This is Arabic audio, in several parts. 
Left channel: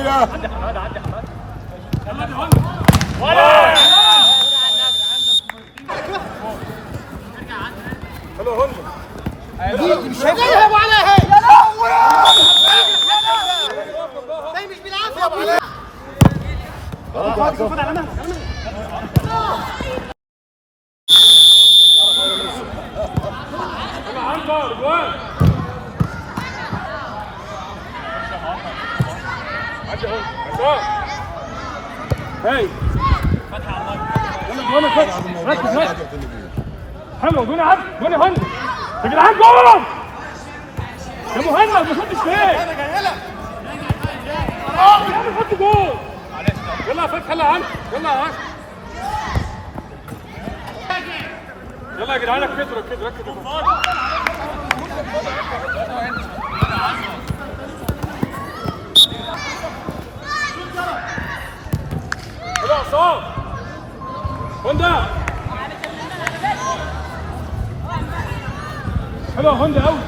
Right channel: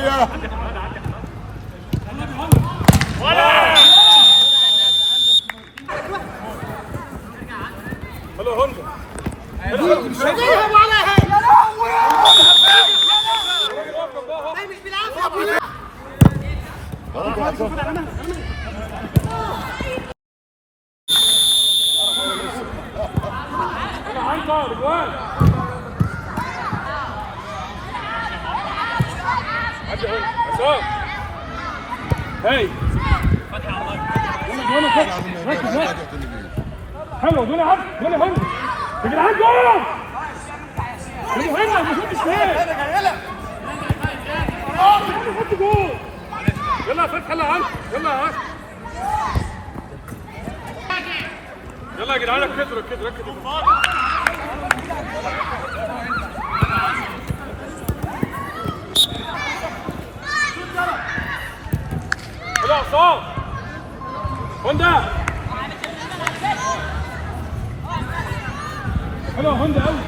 شويه. شغلها ابو عليها يا لهوي. ده مش بالعافيه. هاي يلا جوانا فتح ركز ركز حلو دوني عبد دوني هند يا جدعان جول يا مهند ما شفتش فين انا جاي لك حط جول يلا يا فتحي يلا يا عم يلا يا عم يلا يا جدعان ركزوا ركزوا ركزوا يلا عصام هوندا حلو هوندا قوي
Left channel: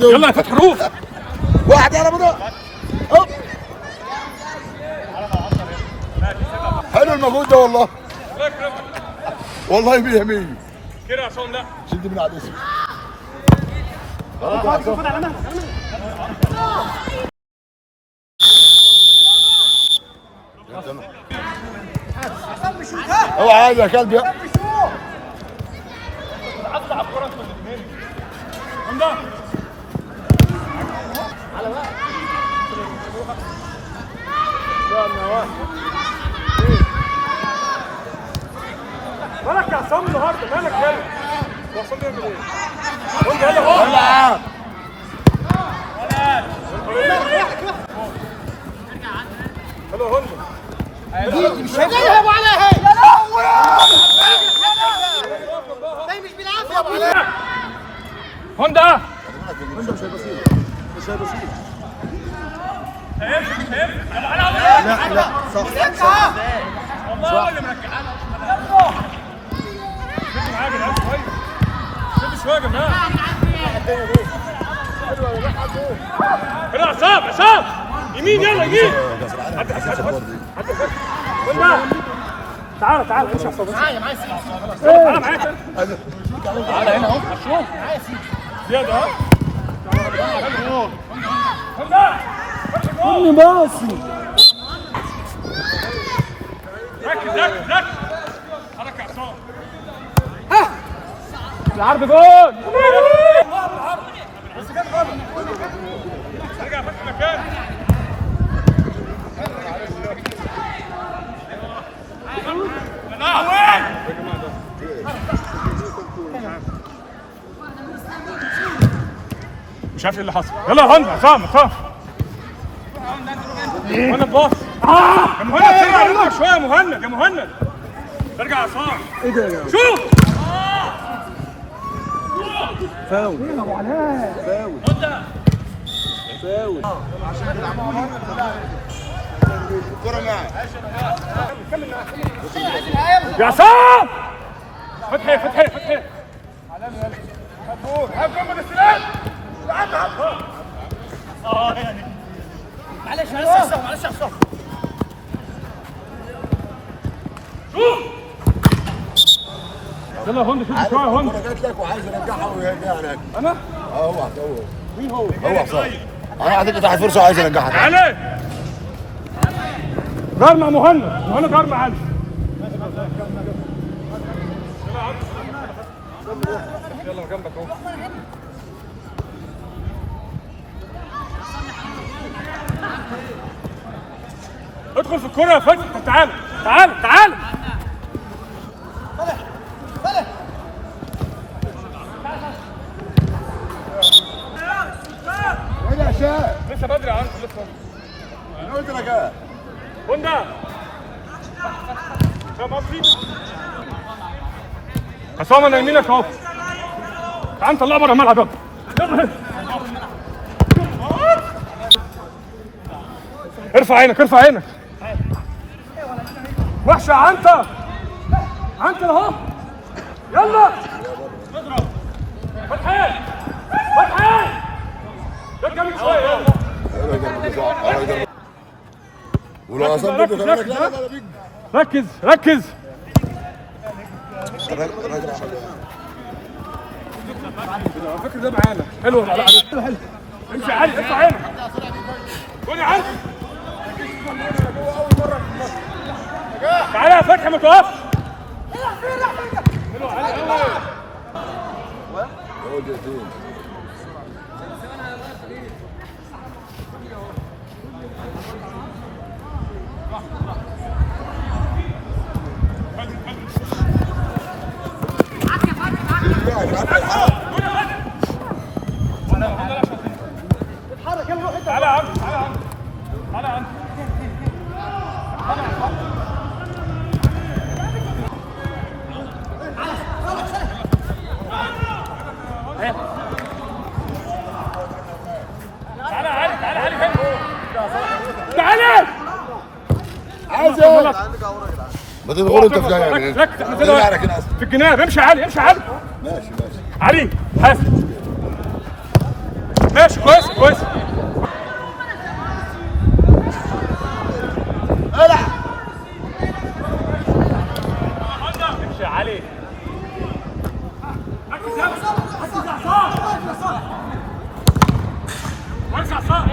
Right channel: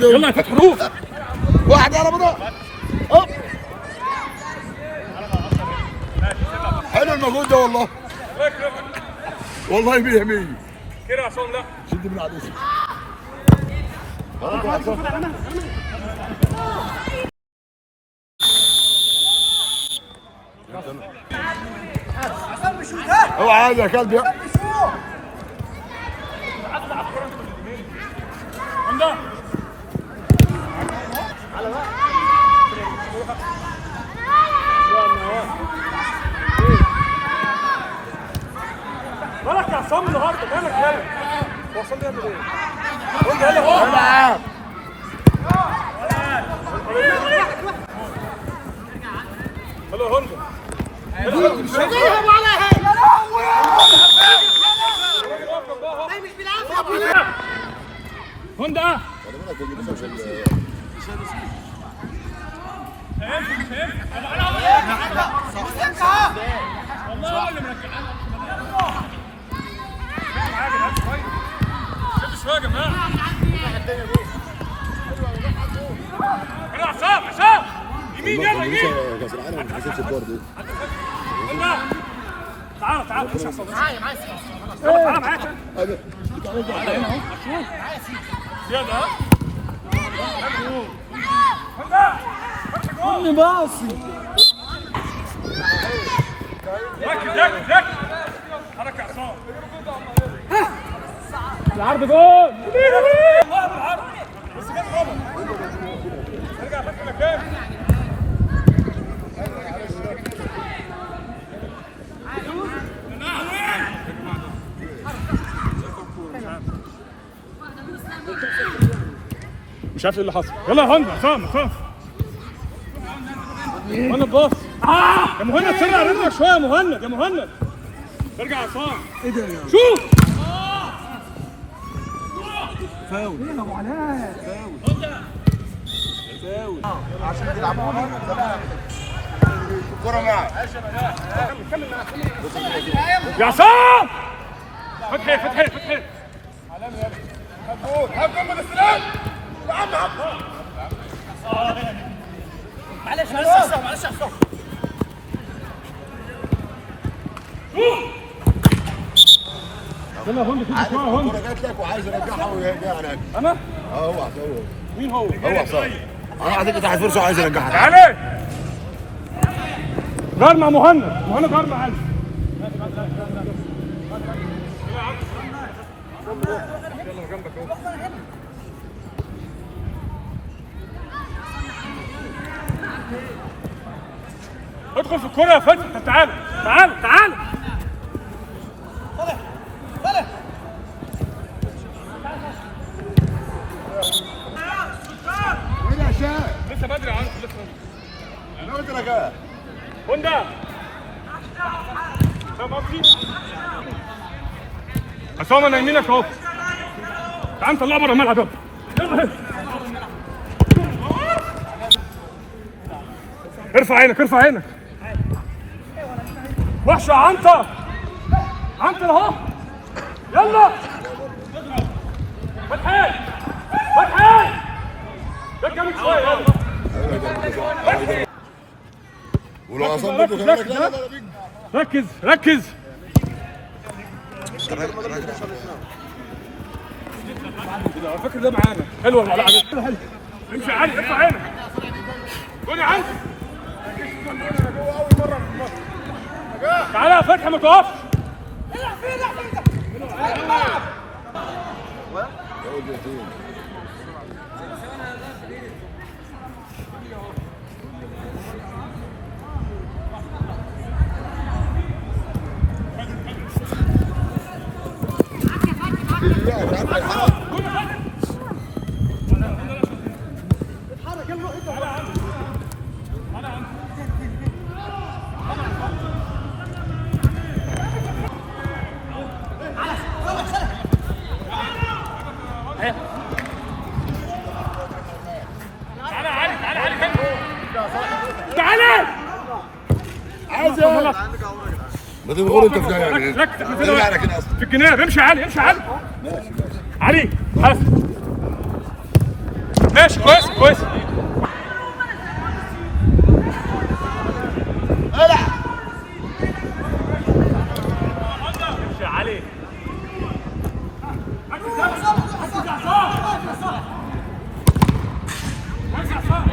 يلا يا فتحي روح واحد على بضاعة. حلو المجهود ده والله. والله 100 100. كده يا عصام ده شد من على الاسم. اوعى عايز يا كلب يا هوندا مالك يا عصام النهارده مالك يا عصام يعمل ايه؟ يلا هو يلا هوندا شغلها ابو عليها يا لهوي. ده مش بالعافيه. هوندا مش هيبصير مش هيبصير. شدوا معايا يا جدعان شويه شدوا شويه يا جماعه يلا يا عصام عصام يمين يلا يمين هوندا تعالى تعالى امشي يا عصام معايا تعالى معايا تعالى هنا اهو شوف معايا سيدي. زياده اهو هوندا كل ماسي. ركز ركز ركز حركة يا عصام العرض جول بس جت غلط ارجع في مكان مش عارف ايه اللي حصل يلا يا هند عصام عصام مهند باص يا مهند ترجع لنا شويه يا مهند يا مهند ارجع يا عصام ايه ده يا شوف فاول يا ابو علاء. فاول عشان تلعبوا الكرة معاه. كمل يا عصام فتحي فتحي فتحي معلش معلش معلش يا عصام. يلا يا هند شوف شويه يا هند جات لك وعايز ارجعها ويرجع لك. انا هو مين هو؟ هو صح. انا عندي تحت فرصه وعايز ارجعها. تعالى جار مع مهند مهند جار مع علي يلا جنبك اهو ادخل في الكرة يا فتحي تعال تعال تعال ايه يا شاب؟ لسه بدري عارف لسه انا قلت لك ايه؟ هوندا عصام انا يمينك اهو تعال نطلعه بره الملعب يلا ارفع عينك ارفع عينك. وحشه عنتر عنتر اهو. يلا فتحي فتحي ركب شويه يلا. ولا ركز ركز ركز. على فكره ده معانا حلو والله. حلو امشي علي ارفع عينك. قول يا علي تعالى يا فتحي ما توقفش. حلو علي. تعالى يا عم تعالى يا عم. تعالى عايز ما تدخل انت في يعني في الجناب. امشي علي امشي علي. ماشي علي حاسب. ماشي كويس كويس. امشي علي. ركز يا عصام. وارجع عصام.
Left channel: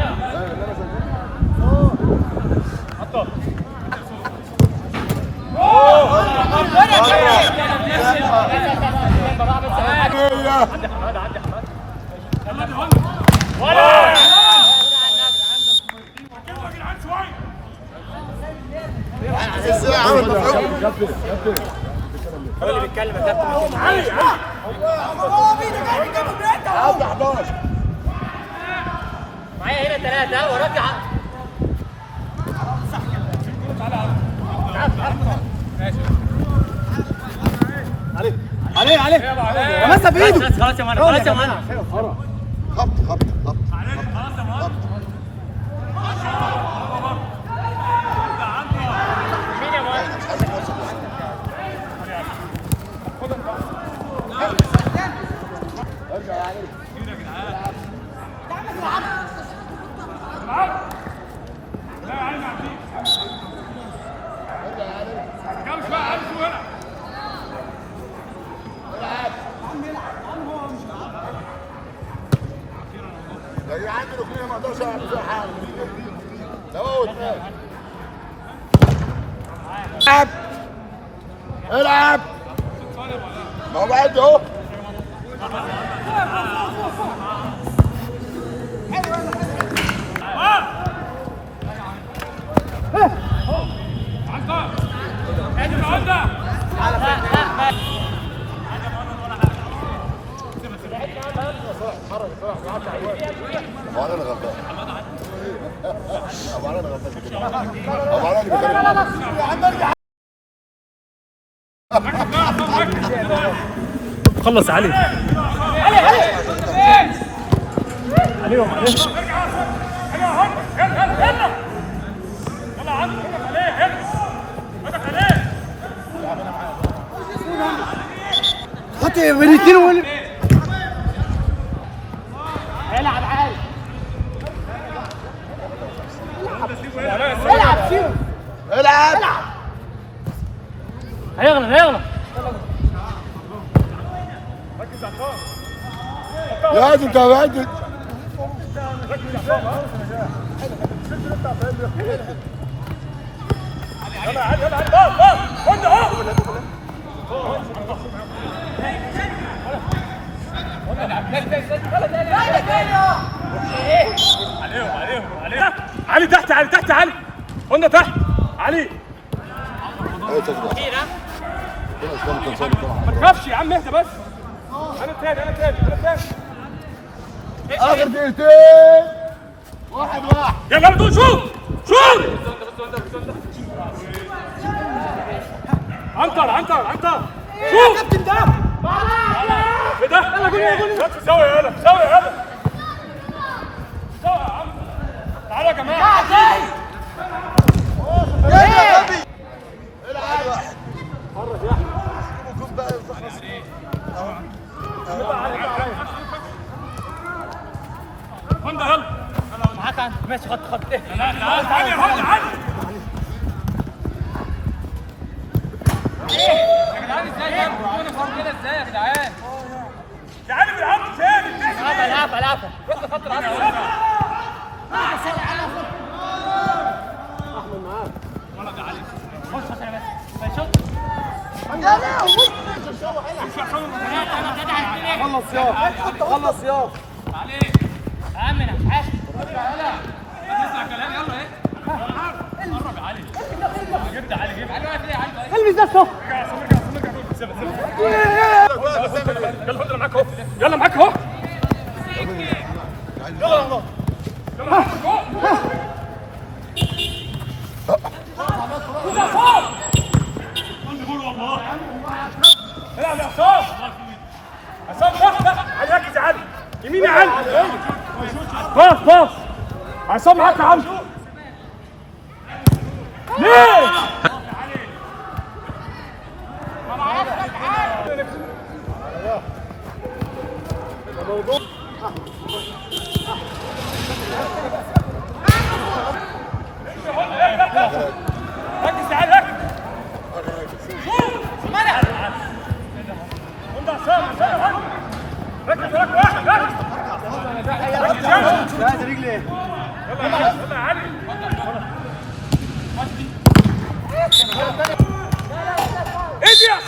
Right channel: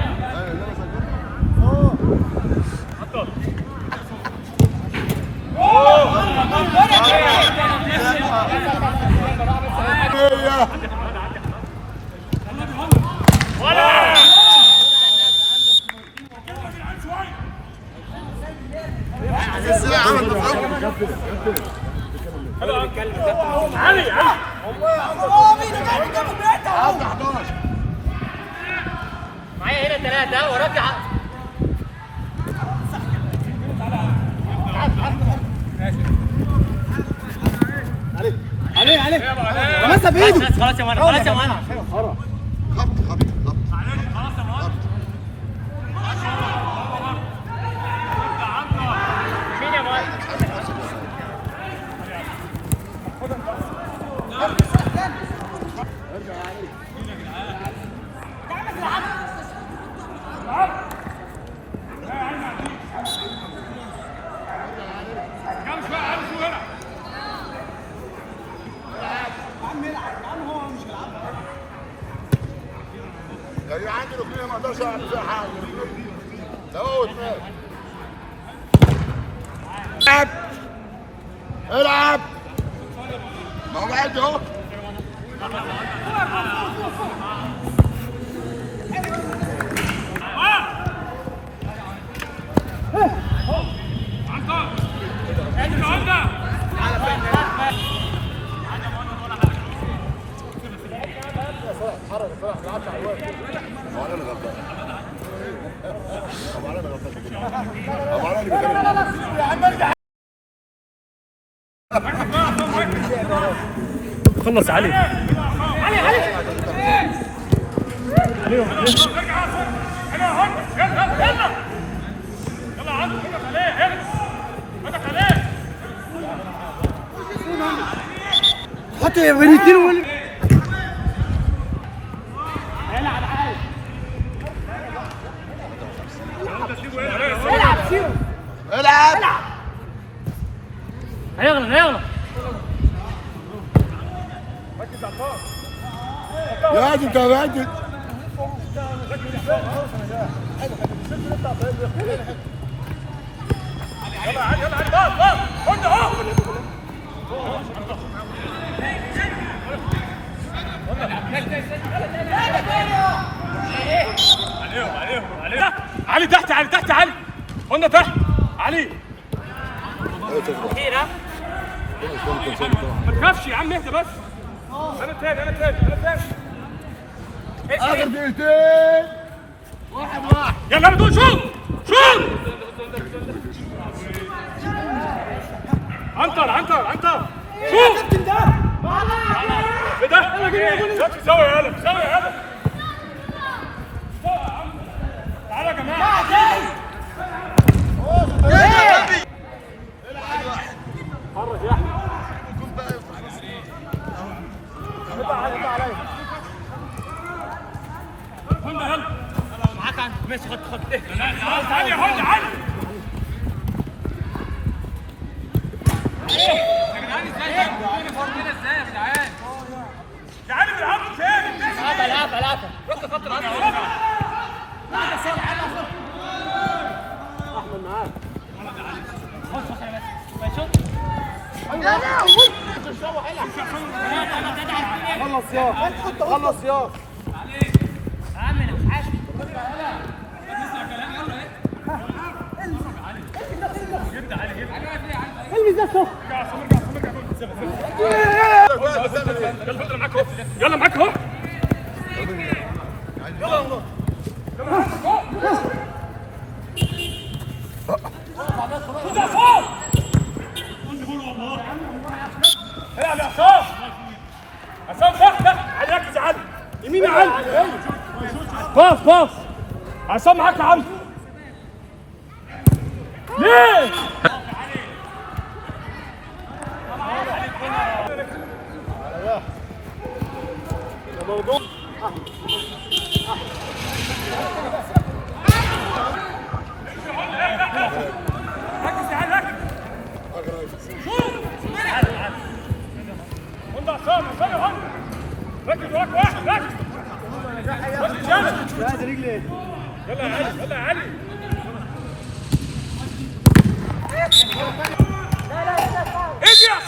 هو اللي بيتكلم يا كابتن. علي معايا هنا 3 وراك عليه عليه لمسها بايده. خلاص يا مانا خلاص يا مانا. خط خط خط. العب العب اهو بعد اهو. خلص علي عليهم حتى بريكين هيلعب عادي. العب سيبه العب هيغلط هيغلط. لازم تبعد. علي تحت علي تحت علي قلنا تحت علي. ما تخافش يا عم اهدى بس. انا تاني انا تاني انا تاني. اخر دقيقتين 1-1. يلا بدون شوط شوط. عنتر عنتر عنتر يا كابتن ده ايه ده؟ سوي يا هلا سوي يا هلا سوي يا عم. تعالوا يا جماعه. عصام ده يلا معاك ماشي خط لا تعالى يا فندم تعالى تعالى بيلعبوا تاني العب خلص يا البس نفسه يلا معاك اهو العب يا عصام عصام باص على ركز يا علي يمين يا علي باص عصام معاك يا عم ركز يا علي ركز